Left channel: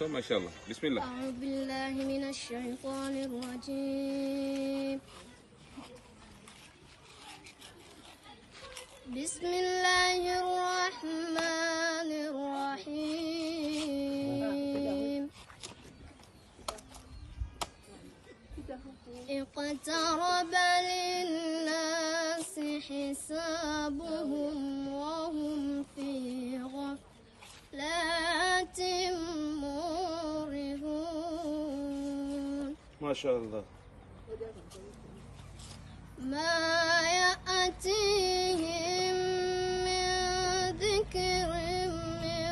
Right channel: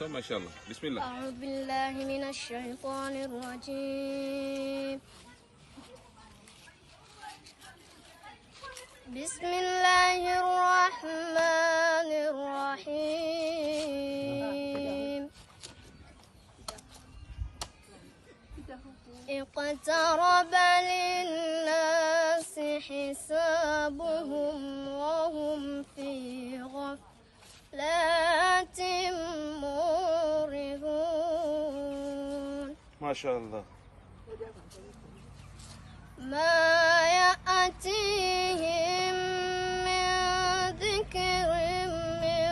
ما شاء الله. بسم الله. أعوذ بالله من الشيطان الرجيم. بسم الله الرحمن الرحيم. اقترب للناس حسابهم وهم في غفلة معرضون. ما شاء الله. ما يأتيهم من ذكر من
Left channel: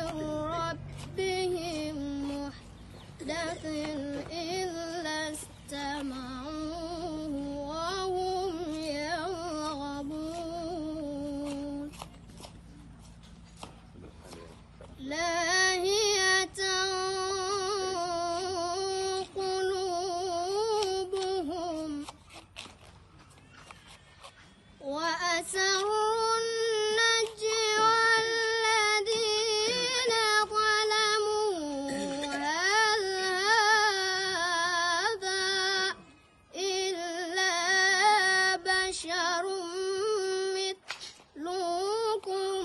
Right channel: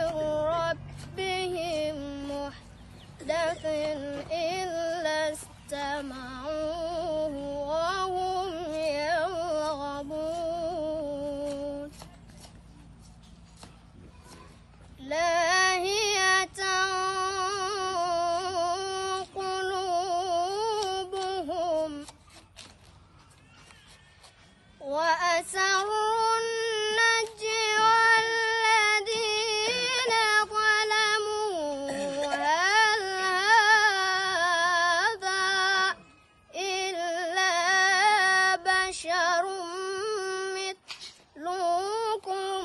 ربهم محدث إلا استمعوه وهم يلعبون. لاهية قلوبهم وأسروا النجوى الذين ظلموا هل هذا إلا بشر مثلكم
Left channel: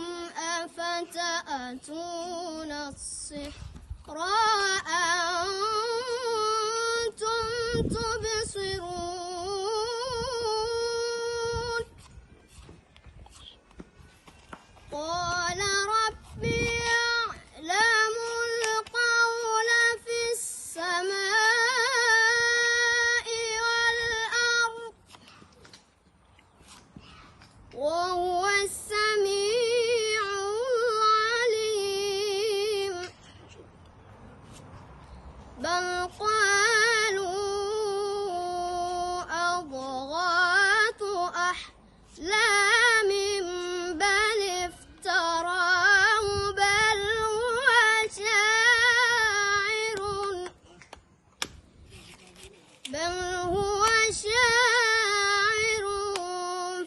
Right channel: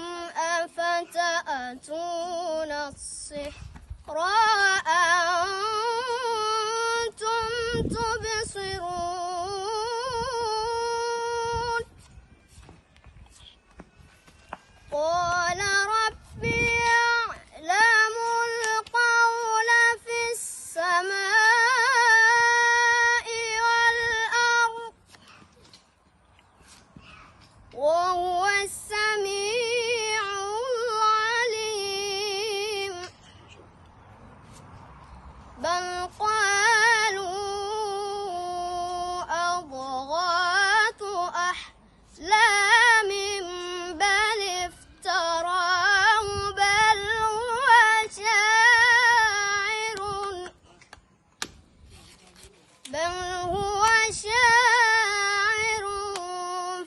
أفتأتون السحر وأنتم تبصرون. قال ربي يعلم القول في السماء والأرض وهو السميع العليم. بل قالوا أضغاث أحلام بل افتراه بل هو شاعر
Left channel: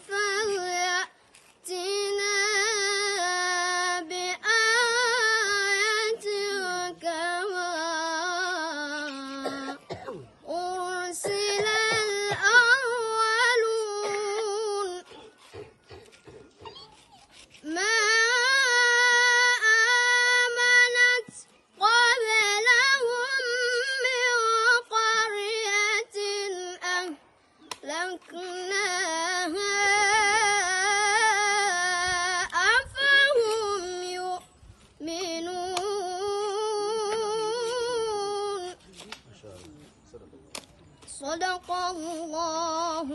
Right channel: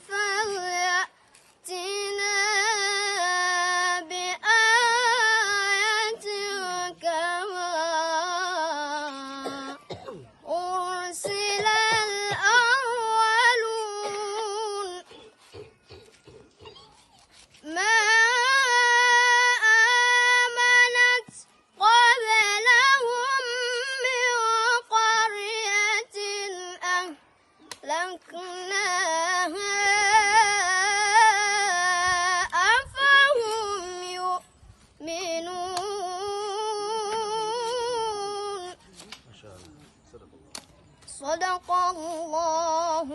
فليأتنا بآية كما أرسل الأولون. ما آمنت قبلهم من قرية أهلكناها أفهم يؤمنون. صدق الله